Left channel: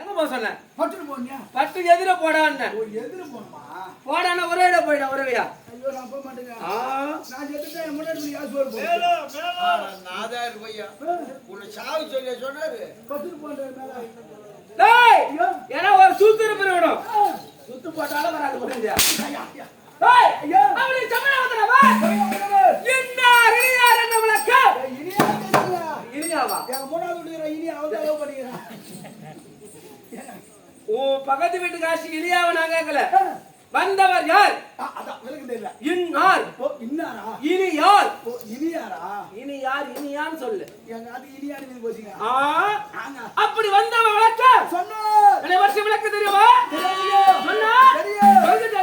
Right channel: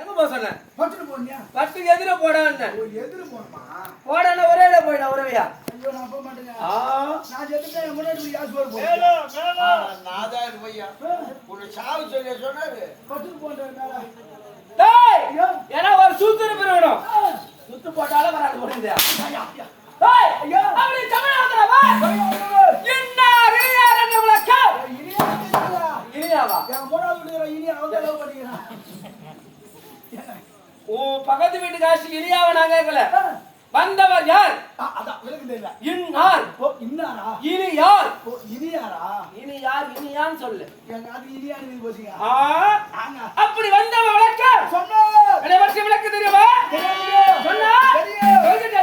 எங்க போக சொன்னேன்? பட்டு போனியா? பட்டு எதிர போடான்னு. ஓ எதிர போணுமா? போடான ஒரே இட போயிடா ஒரேவையா. ஐயோ நான் போக மாட்டேங்க. நான் செத்துட்டேன் என் முன்னாடி யாஸ் வர போறேன். மேல மேல நாதார் பையா. உன்னை சாவு சொல்லி சொன்னாரு. பட்டு போன்ற மேல. டேய் ஏனா ஒரு சுத்து இருப்பறோம். சுத்து போட்டால வராது போடுங்க. டேய் ஐயா அவளை தமிழாதடா வா. என்ன இனியார் என்ன விளக்க? இனியாவா? என் மூணாவது இனியா அவங்க லவ் பண்ணிக்கிறான். ஓ பக்கத்து வீட்டு காசி இனியாவ நான் கேக்கல. வந்தவர் யார்? அதான் விலக்கு தெரியல. இன்னார். ஓ இன்னாரா? இனியார். ஓ இனியாரா? இனியார் இனியான் சொல்லு. எங்க அது இனியானு நீ போசிங்க. ஆங்க. அப்படி வந்தவர் விளக்க? சொன்னா. என்ன வருஷம் விளக்க தெரியுமா? தெரியும். சொன்னா? தெரியும். சொல்லுங்க.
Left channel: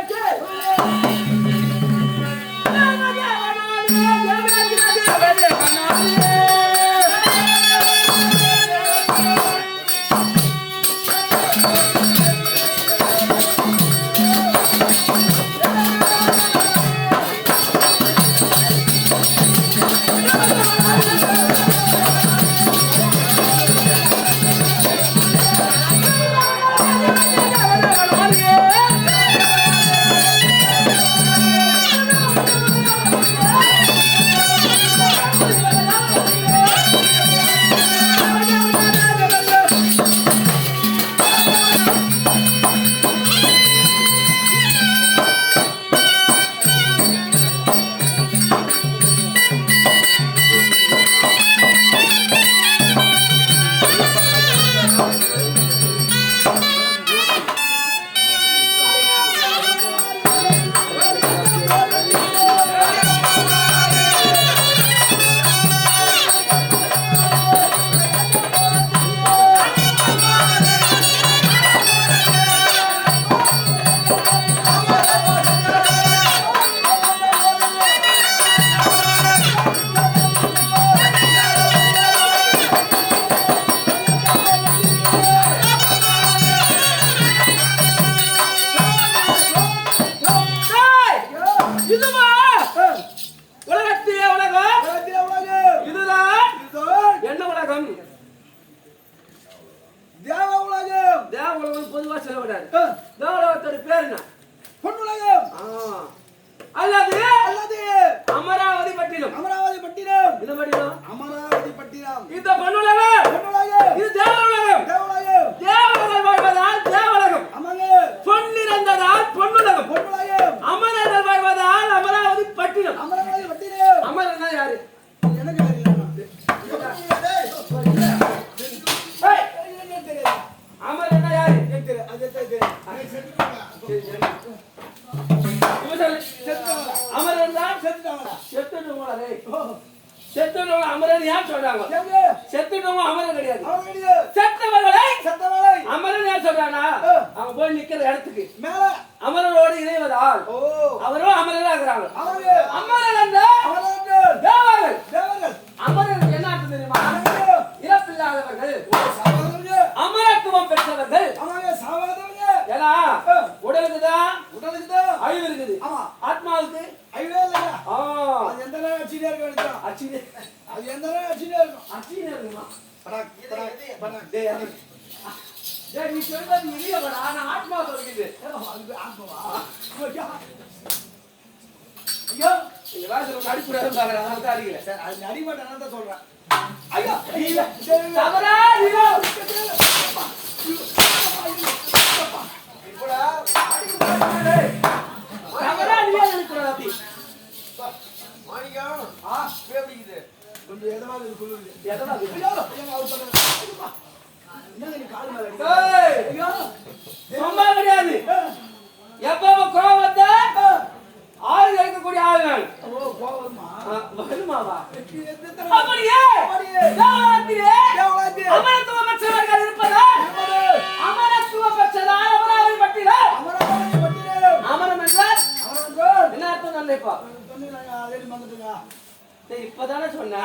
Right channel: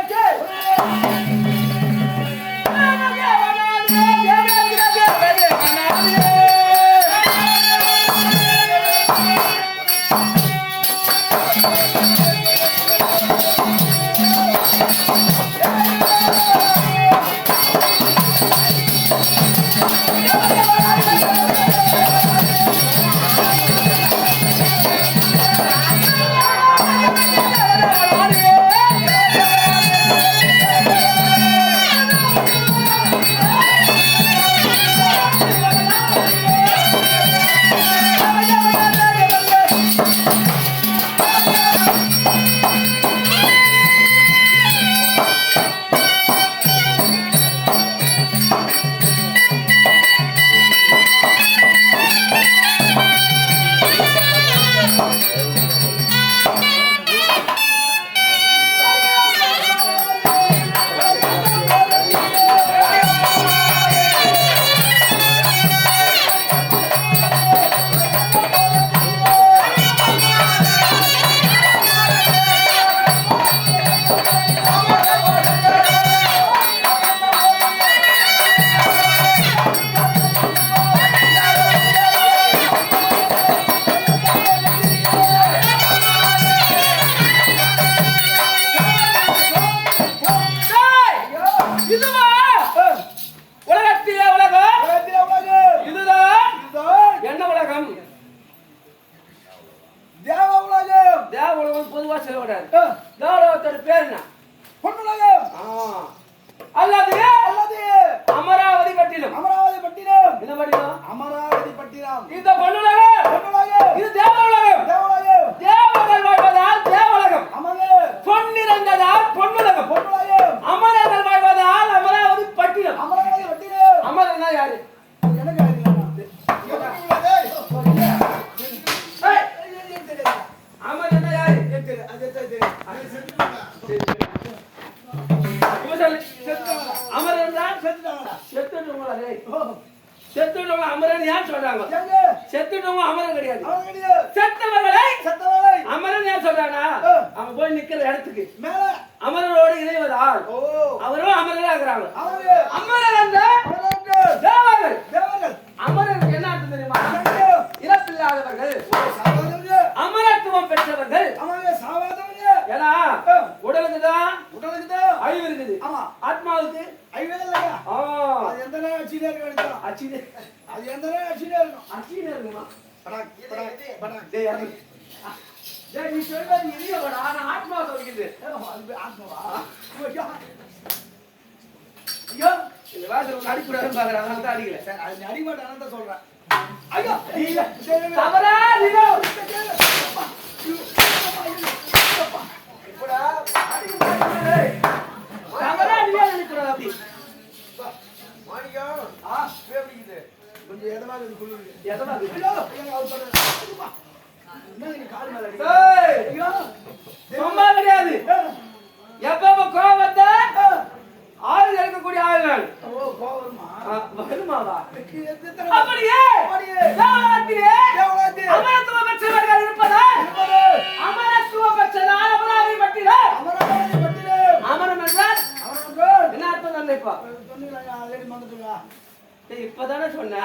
இப்பதானே சொன்னேன்.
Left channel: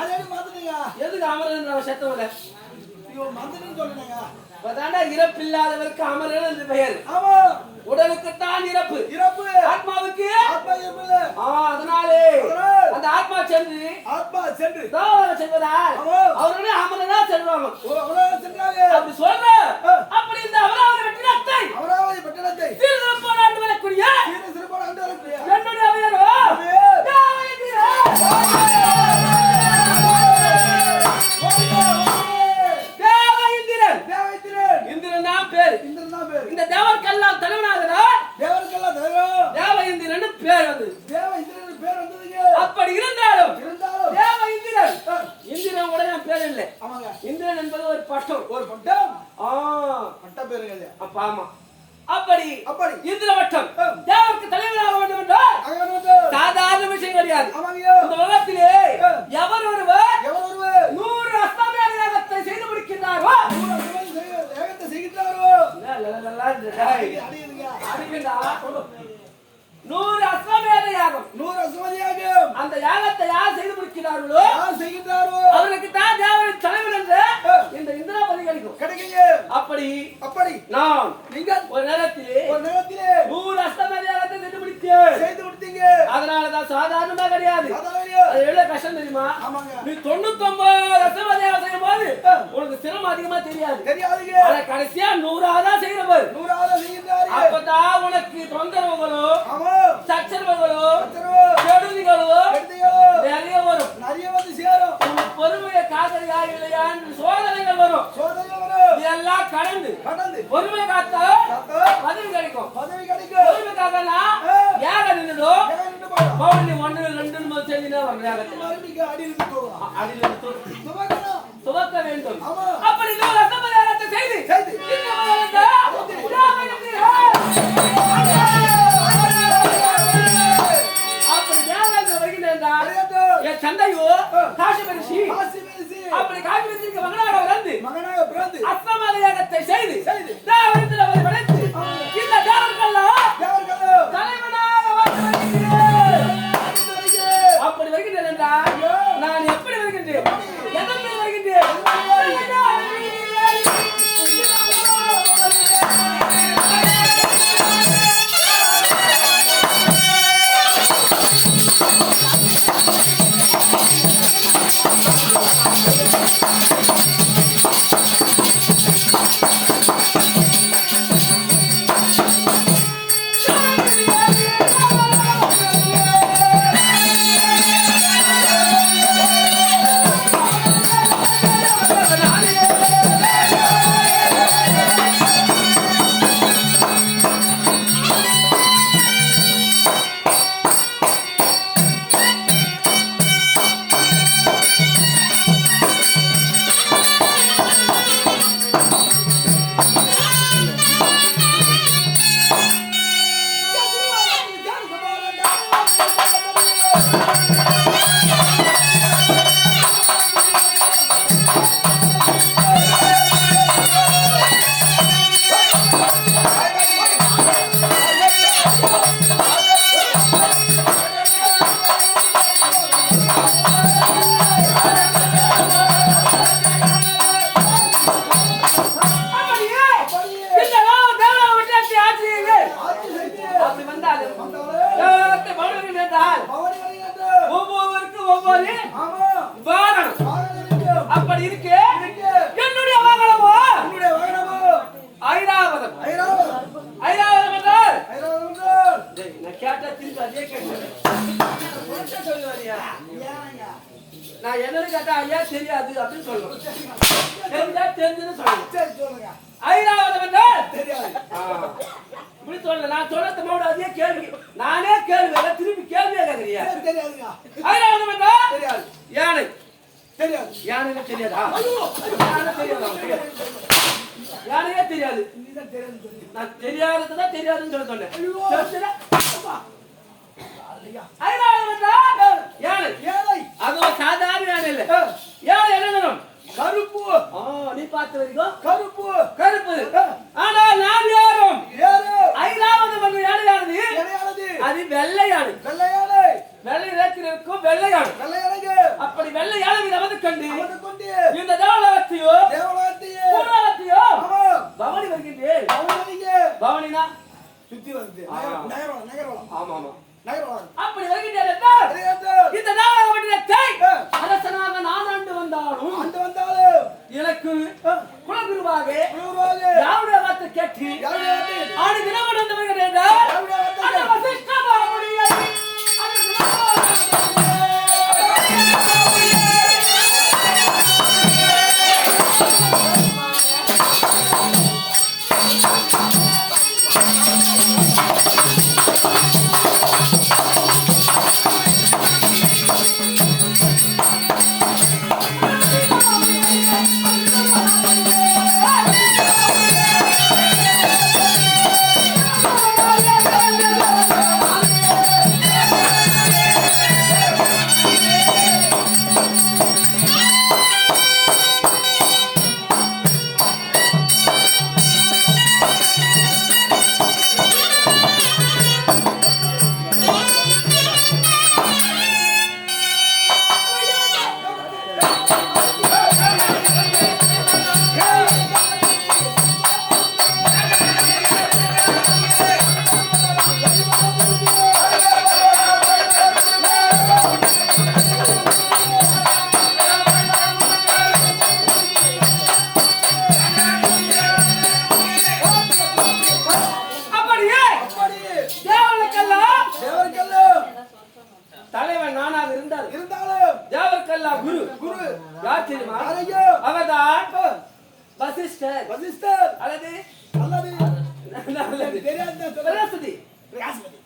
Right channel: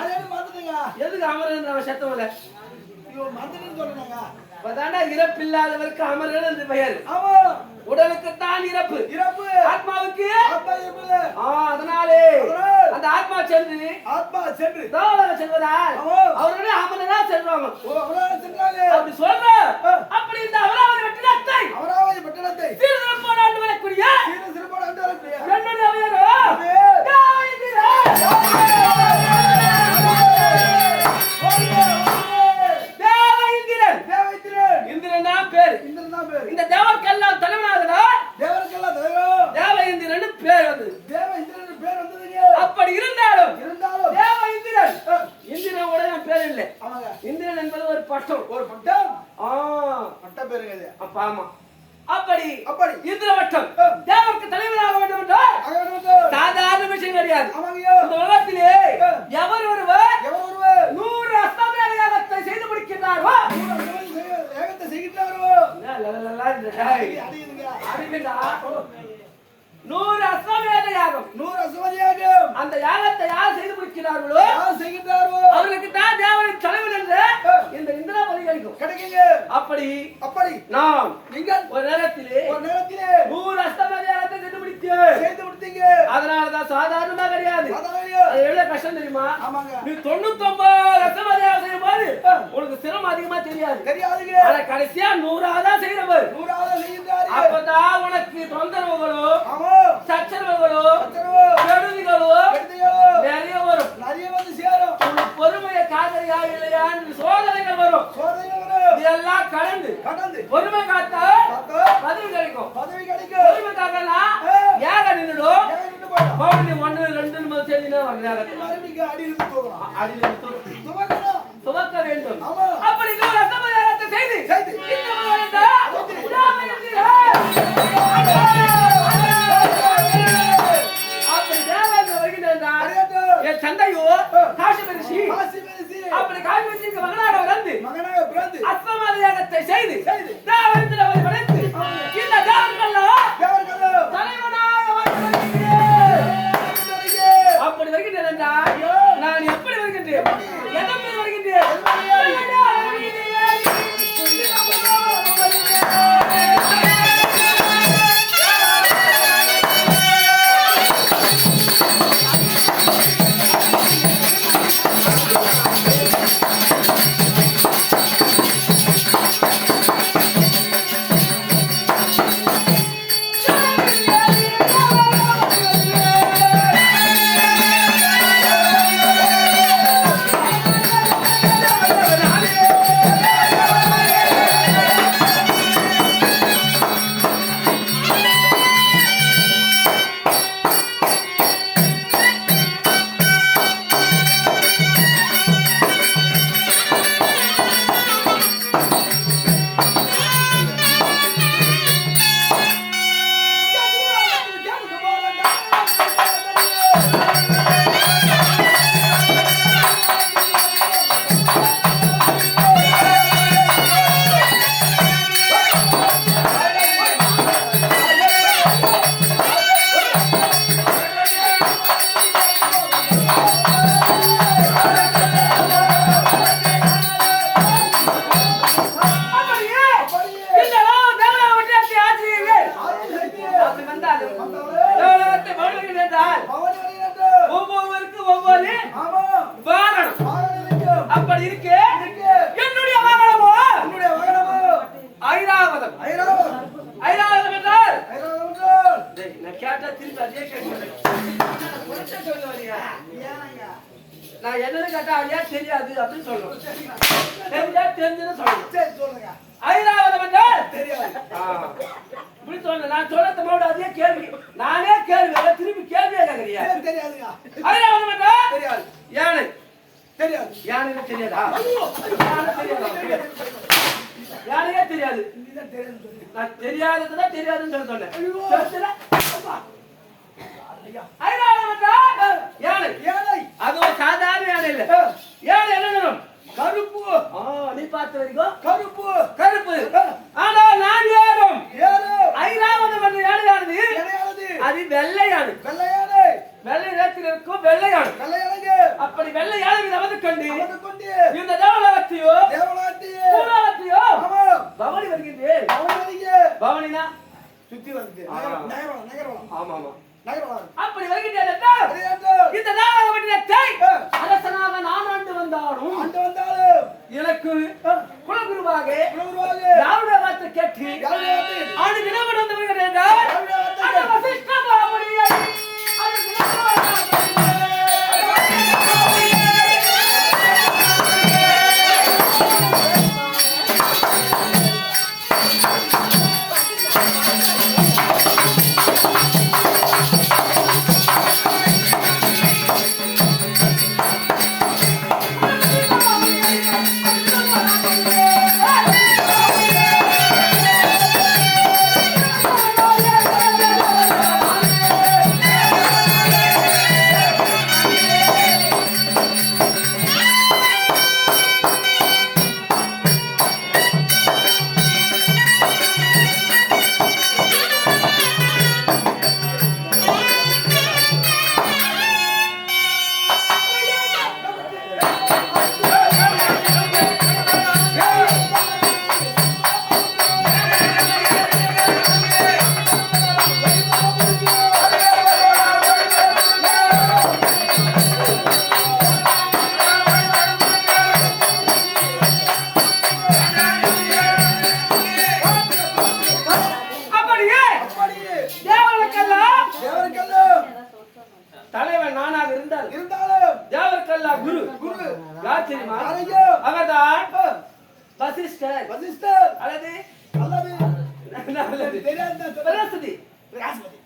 எதுக்கு அமரன் சத்தம் இல்ல? மந்திரின்னு சொல்லுங்க. அப்பதாண்டா இறப்பில்லாதவருக்கு அமரர்கள் என்று பெயர். ஆமா உடலுக்கு தான் இறப்பு, இறப்பு ஆத்மாவுக்கு ஆத்மா இறப்பு. அதனாலே அந்த ஆத்மா சென்று ஆத்மா சென்று தேவலோகம் செல்வதால் ஆமா. அவர்களே அமரனா செல்வாங்க. அவராவது சென்றாங்க. அப்படி சொல்ற அப்படி இந்த அமராவதி வெற்றிடத்தை அவராவது பட்டணத்தை திருநெல்வேலி ஆண்டு வரக்கூடிய சிறப்பான ஆண்டு வரக்கூடிய என்னுடைய அவையரோ தேவேந்திரன். இந்திரன் தான் பேரு. இந்த தேவர்க்கெல்லாம் தலைவனாகிறார். தேவருக்கெல்லாம் தலைவர் தேவேந்திரன் பேர் வந்து தேவ இந்திரன் பேர் வந்ததுங்க. அப்படி இருந்தாலும் இருந்தாலும் தேவேந்திரன் இந்திரன் கூட என் பேர் இல்லை. ஆமாங்க இந்திரன் என்பது ஒரு பட்டம். ஒரு பட்டம் பட்ட பேருங்க இது. அப்ப ஆமா அப்படி அப்படி இந்திர வட்டம் தேவருக்கு தலைவராக வேண்டும் என்றால் அங்க வந்து சாதாரண விஷயம் கிடையாது. ஆமாங்க இந்த உலகத்திலே எவர் ஒருவர் எவர் ஒருவர் 100 அஸ்தமன யாகத்தை செய்து முடிக்கின்றாரோ ஏகத்தை செய்கிறாரோ அடியுதுங்க. அடிக்கின்றா 100 அஸ்வமேத யாகம் 100 அசுவதியாகும் அந்த யாகத்தை யார் செய்து முடிக்கிறார்களோ யார் செய்கிறாரோ அவர்களுக்கு தான் தேவரின் தலைவர் என்று இந்த இந்திராபதி கிடைக்கும். கிடைக்குங்க. அப்படி அப்படி நான் நீங்கள் ஒரு நேரத்திலே ஒரு நேரத்திலே 100 அஸ்வமேத யாகத்தை செய்து முடித்தேன். செய்து முடித்தீங்க. அதனாலதான் சாதாரணமா கிடையாது. அதாவதுங்க. அது எவ்வளவு கஷ்டம் தெரியுமா? ஆமாங்க நீ 99 அஸ்வமேத யாகம் செய்யும் போது உனக்கு சிரமம் அதிகமா தெரியாது. தெரியாதுங்க. ஆனா கடைசியா 100ஆதான் செய்யறவர். 100 செய்கிறாரு. அப்பதான் உனக்கு தொந்தரவுகளோ ஆமா சச்சரவுகளோ சச்சரவு கெடுதிகளோ கெடுதிகளோ நிறைய வரும். நிறைய வந்து சேரும். உனக்கு பொறுமையை காக்கறியா இல்லையா என்று சோதனைகள் வரும். சோதனை வரும். இதெல்லாம் கடந்து கடந்து பொறுமை காத்தா காத்தா பதவி கிடைக்கும். பதவி கிடைக்கும். பொறுமை காக்கனா ஏக நின்னுடும். ஏன் நின்னு போறோம்? பவுனி 1 2 முதல் செஞ்சுனா வர நேரத்தில் மறுபடியும் அடி இருந்து போறோம். அடியில் துவக்கணும். துவக்க வேண்டும். ஆமா. அப்படி இன்னொரு அசம்பதாரத்தை செய்து செய்து. இந்த மகனத்தை அப்படி தேவதை வருகின்றார். அறியாதோ. என் தந்தையோ காசிமரிசி காசி மேசி. அப்படி காசிமரிசிக்கு மகனாக வந்து மகனாக பிறந்து அஸ்வமேத யாகத்தை செய்து செய்து. தேவரிடத்தில் அவரை படைத்து இந்த தேவர்களெல்லாம் தேவர்களோ தலைவனாக வருகிறேன். அப்படி வருகின்றேன் என்றால் நான் எப்படி வருகின்றேன்? எதற்கு வருகின்றேன்? அப்படி இருக்கு என்னுடைய வாகனமோ ஐராவதம். ஐராவதம் என்றால் நான் கேட்டா திருப்பி அதே கேட்கிறேன். நான் என்னன்னு கேட்டா ஐயா தெரியாது அப்படின்னு சொல்லணும். தெரிஞ்சா தெரிஞ்சுன்னு சொல்லணும். ஐராவதம் என்றால் இப்படி சொல்லல. நான் சொல்றது மோட அதே கேள்வி. நானே கேள்வி திருப்பி கேள்வியே கேட்கறியா? ஐராவதம் என்றால் யானை. தெரியாது. யானைன்னு தெரியாதா? யானை தெரியாதா? யானையே தெரியாது. நான் தெரியாததுதான் தெரியாதுன்னு சொல்ல சொன்னேன். ஐராவதம் என்றால் யானை. அதுவும் சாதாரண யானை இல்ல. யானை என்ன நிறம்? கருப்பு. நீ பார்த்த வரைக்கும் கருப்பு. கருப்பு. ஆனால் நான் ஏறும் ஐராவதம் என்ற யானையானது அது வெள்ளை யானை. வெள்ளையானை. வெள்ளை நிறத்தில் இருக்கும் வெள்ளை யானை. வெள்ளையானைங்க. அப்படி வெள்ளை யானை நமது கண்டு கொண்டு இந்த தேவலோகத்தையோ தேவலோகத்தையே பூலோகத்தையோ பவனிக்கு பவனினா சுத்தி வந்து ஆ. நகரவளம் ஆமா ஆமா நகரவளம் அப்படி வருகின்றேன் இந்த நாகப்பட்டினத்தை அரசனாக நான் ஆண்டு வந்தாலும் ஆண்டு வந்தாலும் எனக்கு குலகுருவாக குருவாக யாருடைய வார்த்தை கேட்டு யாருடைய வார்த்தை? ஆண்டு தினம் நடந்து வருகிறேன் யாருடைய வார்த்தை? அந்த வசிஷ்ட மாமுனியை அந்த தலைவன் நானாக இருந்தாலும் தேவர்க்கெல்லாம் குரு குரு யார் தெரியுமா யாரையோ? அவர்தான் வசிஷ்டர் வசிஷ்டர் அல்லது அல்லது தெரியாத பிரகஸ்பதி பிரகாஷ்பதி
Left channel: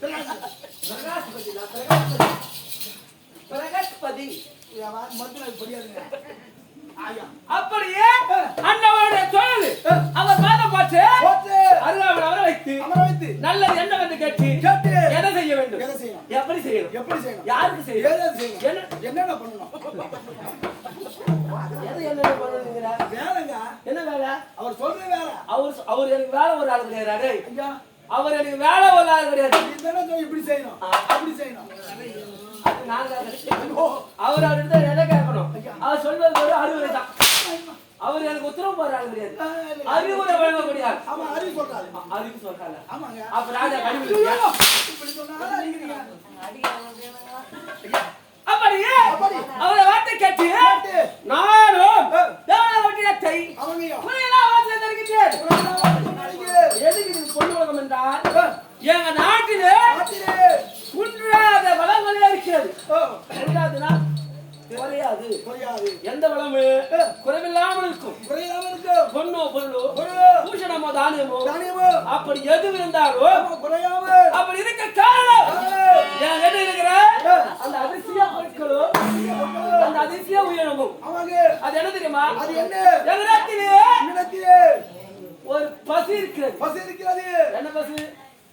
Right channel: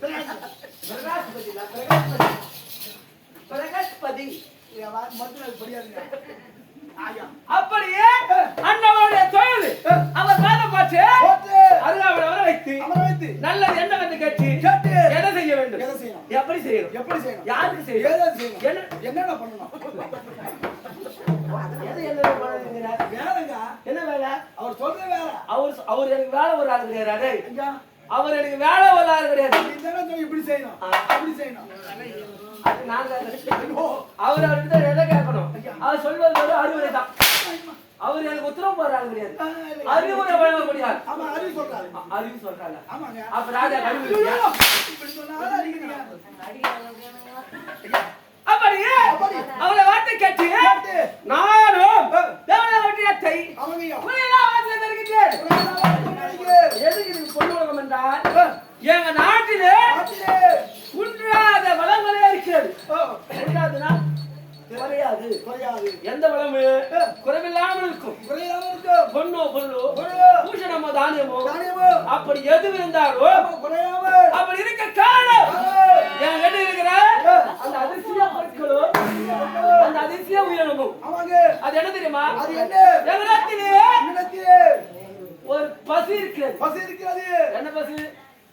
பிரகஸ்பதி இல்ல, பிரகஸ்பதி பிரகஸ்பதி மதுரை படியாதுங்க ஆயா அப்படியே அண்ணவனுடைய தொழில் அவர் பாதம் பார்த்து போட்டு அருகாமல் அவரை வைத்து அமர வைத்து நல்லது என்ன வந்து கேட்டு கேட்டு என்ன செய்ய வேண்டும் எதை செய்யணும்? எப்படி செய்யணும் எப்படி செய்யணும்? யாருக்கு செய்யணும் ஏதாவது செய்யணும்? என்ன என்னென்ன பண்ணணும்? எது என்ன பண்ணுங்கிறார் வேலைங்க என்ன வேலை அவர் சொல்ற வேலை அவர் எனக்கு வேலை ஒரு ஆள் கிடையாது ஐயா அவர் எனக்கு வேலை ஒரு ஆள் கிடையாது நீ தானே சொல்லி இப்படி செய்யணும் அப்படி செய்யணும் அது நாங்க அவர் அவர்கிட்ட எதை கேட்கணும் அவர் சொல்வது ஒரு அறிவுரை தான் அவர் எனக்கு உத்தரவு போடுற ஆள் கிடையாது அறிவுரை வழங்க முடியாது ஆமா அறிவு சொல்றாரு அறிவு சொல்றாங்க ஆமாங்க அப்ப ராஜா அறிவு இப்படி சொன்னாலும் அடிக்கிறீங்க அப்படியே அவரை வார்த்தை கேட்டு நானும் தேவனாவட்டியத்தை அவங்கய்யா புரியலாம் வார்த்தை தருகின்றேன் எதுக்கு இதுக்கு பொண்ணு உலகம் என்றால் எங்க நாட்டிலே குன்றாத வளங்கள் இருக்கிறது குன்றாதுன்னா குறையாது குறையாது எந்த வளமு குறைவில்லாமல் இருக்கும் குறையாம இருக்கும் பொண்ணோ பொருளோ பூஷணமோ தானியமோ தானியமோ அப்படி எது இருந்தாலும் குறையாம அப்படி இருக்க காரணம் என் கிட்ட இருக்கிற அந்த அதிசய பொருட்களும் அந்த அதிசய உயிரினமும் ஆமாங்க அது என்ன தெரியுமா அது என்ன எங்க நாட்டிலே இடத்திலே ஒரு பசு இருக்கிறது பஸ் இருக்கிறது என்ன பசு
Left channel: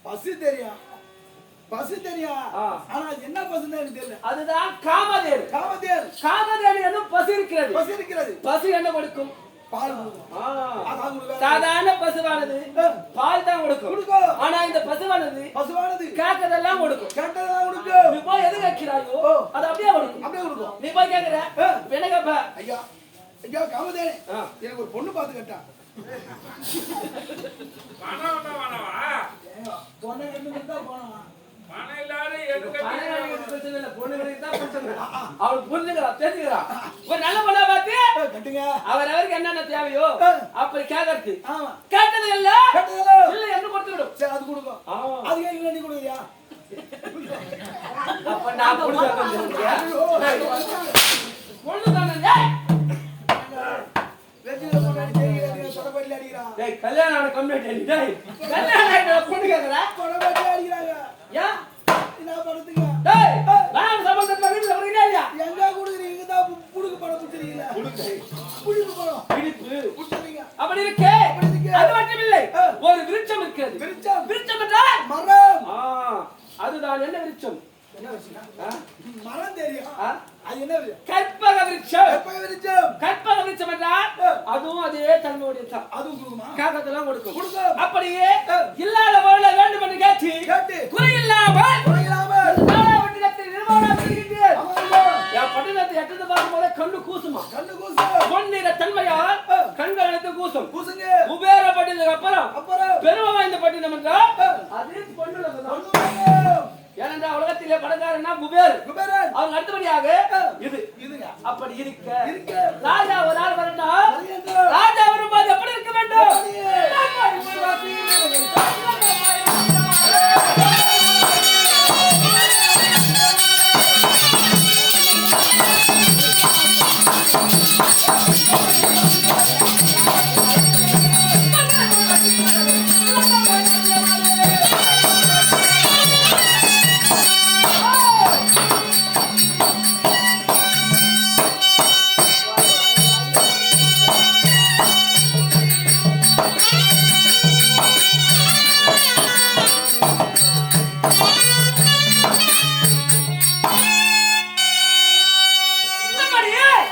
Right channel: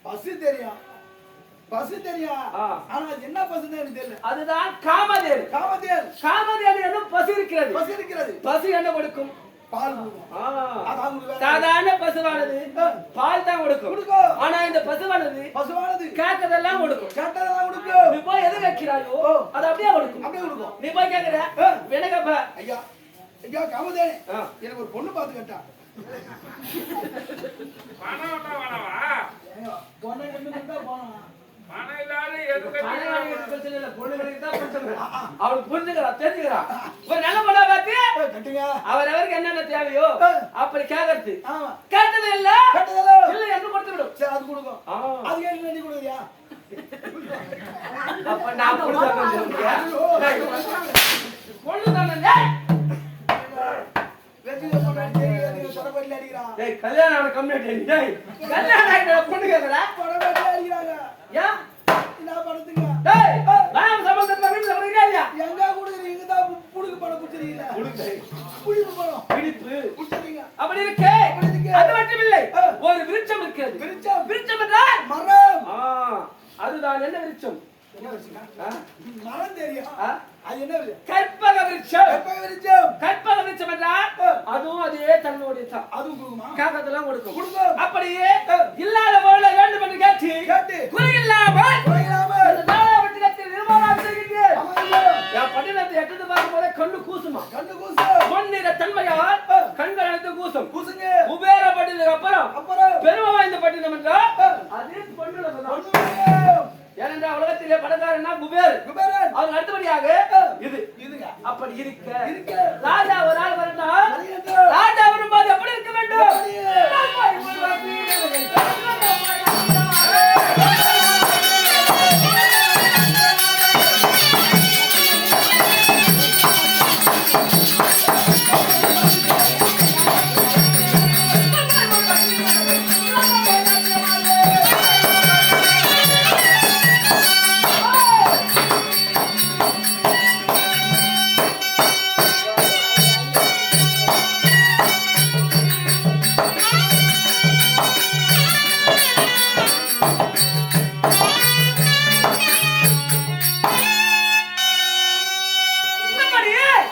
பஸ் தெரியும் பஸ் தெரியும் ஆ. ஆனா அது என்ன பஸ்ன்னு எனக்கு தெரியல அதுதான் காமதேனு காமதேன் காமதேனு என்னும் பசு இருக்கிறது பஸ் இருக்கிறது பசு என்ன கொடுக்கும் பால் கொடுக்கும் ஆ. அதான் கொடுக்கும் சாதாரண பசுவானது பால் தான் கொடுக்கும் கொடுக்கும். ஆனா இந்த பசுவானது பசுவானது கேட்கறதெல்லாம் கொடுக்கும் கேட்டதெல்லாம் கொடுக்கும் நீ போய் எது வைக்கிறாயோ அது அப்படியே கொடுக்கும் அப்படியே கொடுக்கும் நீ போய் கேட்கிற வினகப்ப ஐயா ஐயா காமதேன் ஆ. எனக்கு ஒரு பொண்ணு பார்த்து கேட்டான் பணம் ஒண்ணா வேணாவா? பொண்ணை ரெண்டு மட்டும் தான் போனா பணம் இல்லாத எதுக்கு பிரச்சனை இல்ல பொண்ணுங்களுக்கு தான் பிரச்சனை அவளுக்கு புரிஞ்சுக்கிறா தெரிஞ்சுக்கிறா ஒரு நல்ல பொண்ணா பார்த்து கட்டுங்க அவரவருக்கு என்னென்ன தேவையோ அப்படி கேட்கறது ஆமா கேட்டது இல்ல கேட்டதெல்லாம் இல்ல என்ன கொடுத்து விடும் சரி அது கொடுக்கும் அது ஏன் நீ கொடுக்குறியா அப்ப நான் பொண்ணு பொண்ணு தானே வெற்றில பொண்ணாடி தெரியுங்க தொடப்பட்டில அடிக்கிறான் டேய் கல்யாணம் ஆன கம்மியாட்டே நீ டேய் கல்யாணம் ஆயிட்ட பொண்ணு கேக்குறா தொடப்பட்டில அடிக்கிறாங்க ஏன் என்ன படுத்துங்க டேய் நான் சம்பந்தத்துல வீட்ல வரீங்களா இல்லையா எங்க கொடுக்குறீங்க இங்க தான் புடுக்கு படம் புடிச்சிரீங்களா புடிக்கு படம் பிடிப்பு புடிச்சிரீங்க அப்படி இருக்கு அது மட்டும் இல்லை ஒரு விருட்சம் இருக்கிறது விருட்சம். விருட்சம் என்றால் மரம் அதுதான் என்ன விருட்சம் என்ன வச்சுங்க மரம் தெரியும் ஆ? அது என்ன விருட்சம்? கற்பக விருட்சம் எப்ப விருட்சம் கற்பக விருட்சம் என்றால் அதுவும் அதே தன்மையுடைய தான் அதுவும் கொடுக்குமா காக்கத்தெல்லாம் கொடுக்கும் கொடுக்கும். அப்படியே இல்லாத பொருளை வேண்டும் என்று கேட்டு கேட்டு குறையில்லாமல் குறையில்லாமல் நாடாவட்டினத்தில் நிர்மாணம் செய்கின்றேன் ஆமாங்க என் பட்டினத்தை எட்டது பார்க்கும் போதே கண்ணு கூசுமா கண்ணு கூசு பொன்னிற தன்மையால் கண்கள் அனைத்தும் கூசும். பூசுங்க. குபேர பட்டினத்துக்கு அப்புறம் அப்புறம் பெருமை வாய்ந்த பட்டினம் என்றால் அது பொன்னுலகம் தான். பொன்னுலகம். ஏனென்றால் உலகத்திலே பணக்காரன்னா குபேரன். குபேரன். அவங்க அடுத்தபடியாக இது இதுங்க. அப்படி இருக்க இருக்க. ராஜா ஒரு ஆள் வரணும். வருகின்ற. ராஜா வரும்போது எப்படி இருக்க வேண்டும்?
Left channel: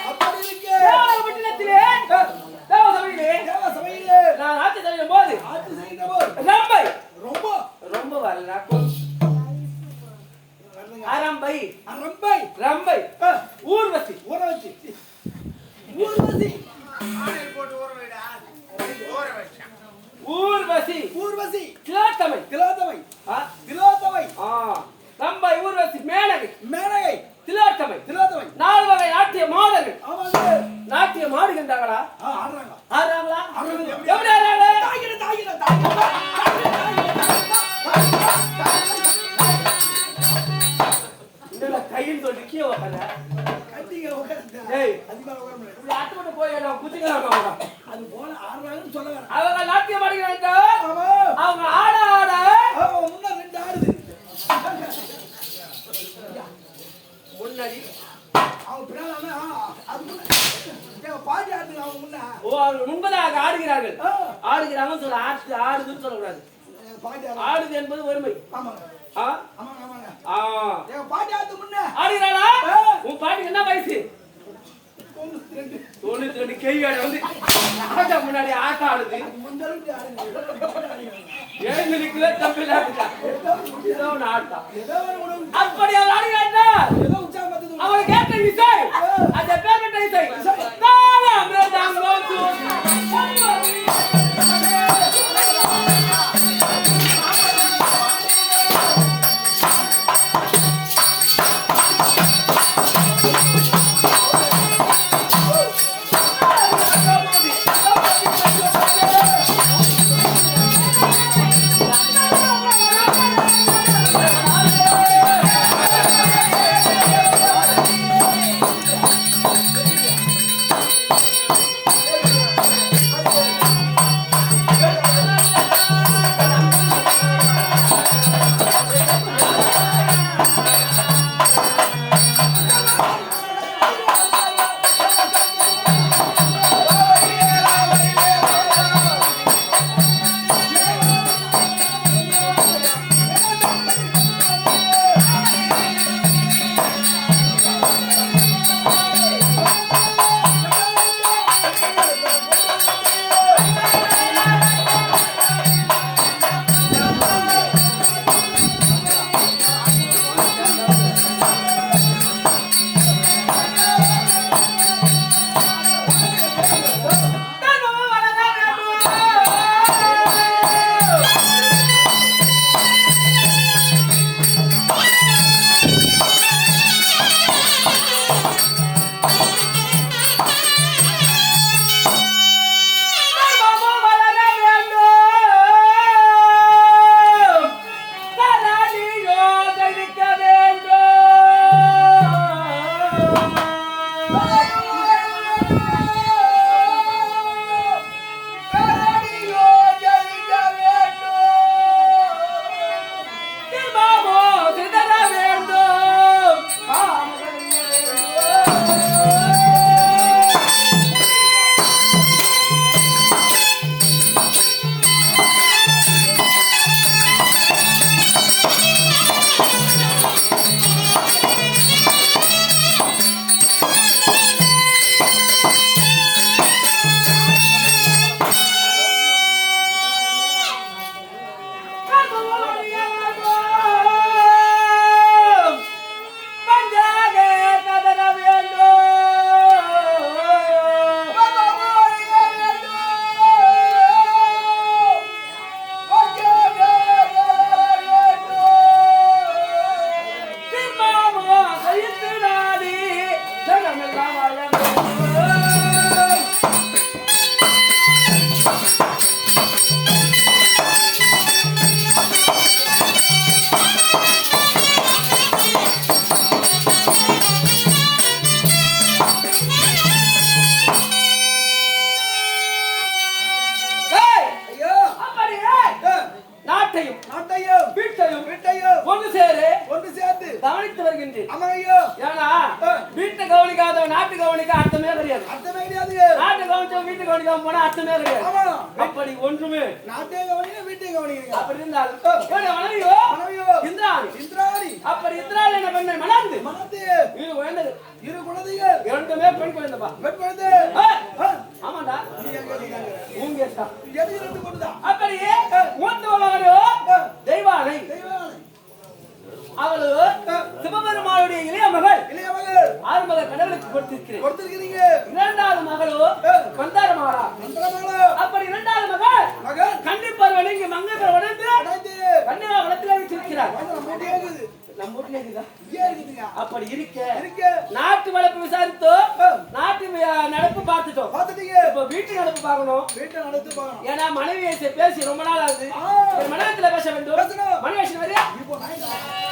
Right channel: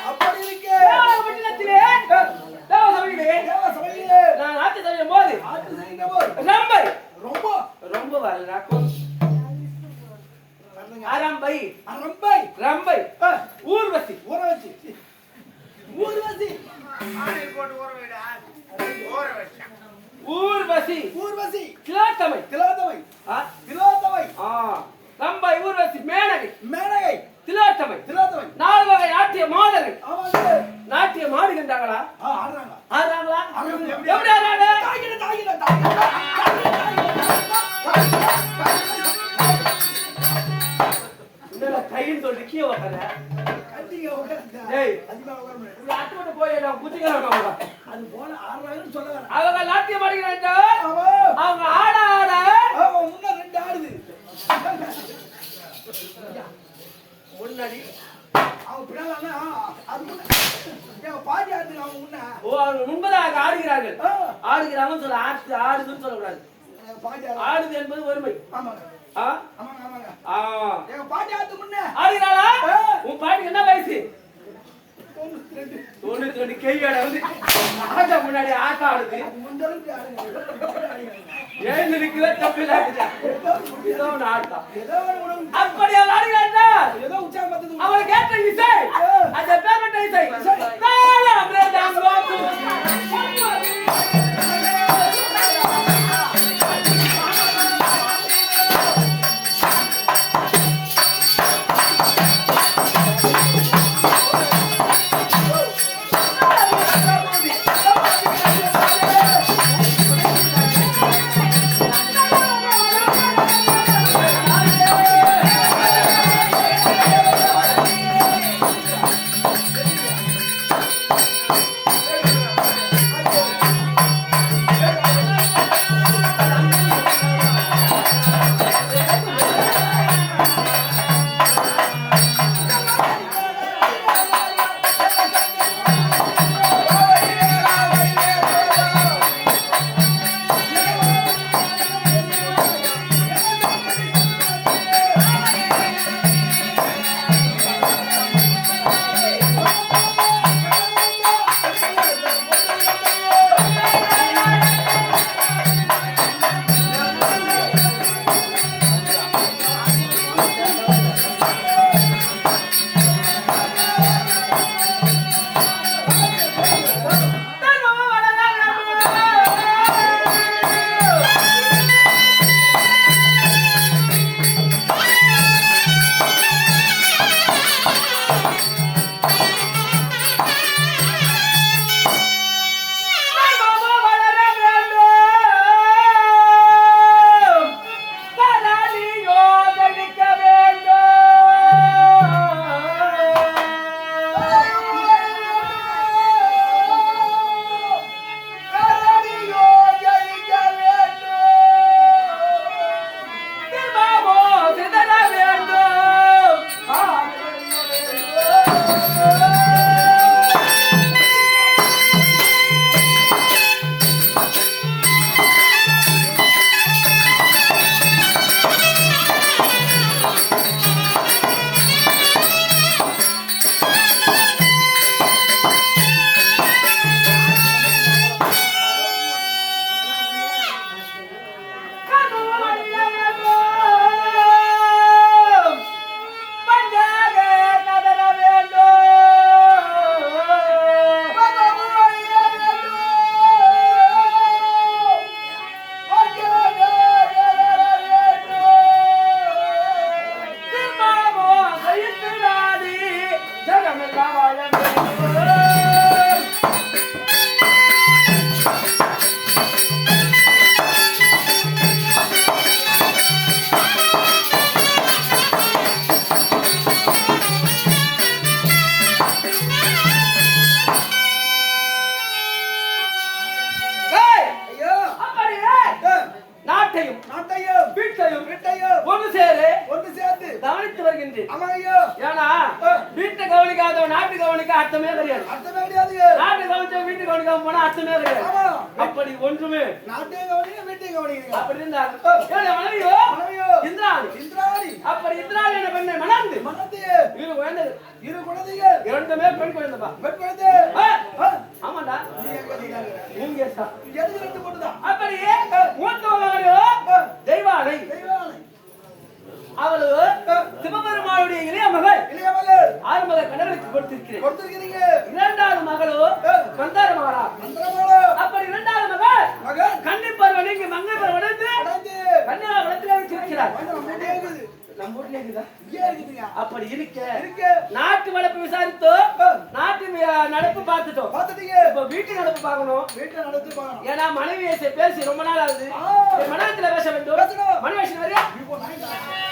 அப்படி இருக்க. தேவபட்டினத்திலே தேவசபையிலே தேவ சபையிலே நான் ஆட்சி செய்யும் போது ஆட்சி செய்கின்ற போது ரம்பை ரொம்ப ரொம்ப வரல அரம்பை அரம்பை ரம்பை ஊர்வசி ஊற வச்சு ஊர்வசி ஆணையில் போட்டு ஊற வைடா. ஊற வச்சேன். ஊர்வசி ஊர்வசி திலோத்தமை திலோத்தமை ஆ? திலோத்தமை ரம்பை ஊர்வசி மேனகை மேனகை திலோத்தமை திலோத்தமை 4 வகை நாட்டிய மாதர்கள் ஆமாங்க நாட்டியம் ஆடுகின்றாங்களா ஆடுறாங்க ஆடுறாங்களா ஆடுறாங்க. எப்படி ஆடுறாங்க தாயிர தாயிர தாயிர இந்த கையின் சொல்லி கீழே உட்கார கண்டிங்க உட்காருங்க. ஏய் அதிகமா உட்கார முடியாது. இப்படி அட்டுப்பட்டு போய் நான் குத்திக்கலாம் அது போல ஆடுறாங்கன்னு சொல்ல வரேன். அவங்க நாட்டியம் ஆடுகிறாங்க ஆமா அவங்க ஆட ஆட ஆமா முன்ன ரெண்டு ஆடுது. முன்னாடி அவங்க பின்னால அது முன்ன என் பாட்டி ஆடுது அவங்க முன்ன அவர்கள் முன்பதாக ஆடுகிறார்கள் ஆ, ஆடுகிறாங்கன்னு சொல்ல ஆடுதுன்னு சொல்லக்கூடாது என் பாட்டி ஆடுது. ஆடுது என்பது ஒருமை ஆமாங்க ஆ? ஆமாங்க ஆமாங்க ஆ. என் பாட்டி ஆடுது முன்ன ஆடுகிறாளா ஆ. உன் பாட்டுக்கு என்ன வயசு 92. 92 கையோட வந்து ராஜா முன்னாடி ஆட்டம் ஆடுது முந்தளவுக்கு ஆடுங்க. ஏன் இருக்குதா தப்பில்லா ஏதோ ஒன்று ஆட்டம் ஏதோ ஒரு உணவு அப்படி அவள் ஆடுகிறாள் ஏதோ உற்சாகப்படுத்துது. அவள் கேட்ட இசை அந்த பேர்பட்ட இசை தாளம் ரேதாங்கம் நாட்டையும் நாட்டையும் வீட்டையும் வீட்டையும் ஒன்று சேரு ஒன்று சேர்த்து கவனித்து வருகின்றேன். ஆமா ஐயா. ஏன்னா வீட்டை கவனிக்காதவன் நாட்டு கவனிக்க அர்த்தமே கிடையாது. அர்த்தமே கிடையாது. நாட்டு கவனிச்சவன் வீட்டு கவனிக்காம போனா அர்த்தமே கிடையாது. ஆமா. அப்படி ஒன்றுமே நாட்டே கவனிங்க வீட்டையும் கவனிக்கிறீங்க. அப்படி இருந்தாலும் என்னுடைய மனைவியோ மனைவியோ இந்திராணி. இந்திராணி. அப்படி இந்திராணி என்ன பெண்ணை மணந்து மனது இது குழந்தைகள் இரு குழந்தைகள் இரண்டுமே பெண் குழந்தைப்பா. பெண் குழந்தை. ஆமாண்டா நீ எங்க நீங்க ஊங்கேசா. எது ரெண்டு பொண்ணுதான். அப்படியே மூத்த மகளோ தெய்வானை. தெய்வானை. அவளு சிவபெருமானுடைய இளைய மகள். இளைய மகள். ஆறுமக கடவுளுக்கு கொடுத்திருக்கிறேன். கொடுத்திருக்கிறீங்க. இரண்டாவது மகளோ கந்தார மகளா. மந்திரமாலோ. அப்படி இரண்டாவது மகள் மகன். கன்னி பருவன் இங்கு மங்கை பருவன் அடைந்து. கன்னியா வளத்திலே வச்சிருக்கிறார். நம்ம மூட்டே இருக்குது. நம்ம வீட்டுல இருக்குதா? இங்கே இருக்குதுங்க. அப்படி இருக்க இருக்கு. நாட்டு வளர்ப்பு விசாரித்தோம், நாட்டு நடப்பு பார்த்துட்டோம். பாத்துட்டீங்க. இப்ப வீட்டு நடப்பு பார்க்கணும். வீட்டை நடத்தி பார்க்கணும். ஏன்னா மனைவியை பேசி ரொம்ப நாள் ஆகுது. மனைவியத்துல பேச வேண்டும். பேசணும். மனைவி வரையா இப்போ நான்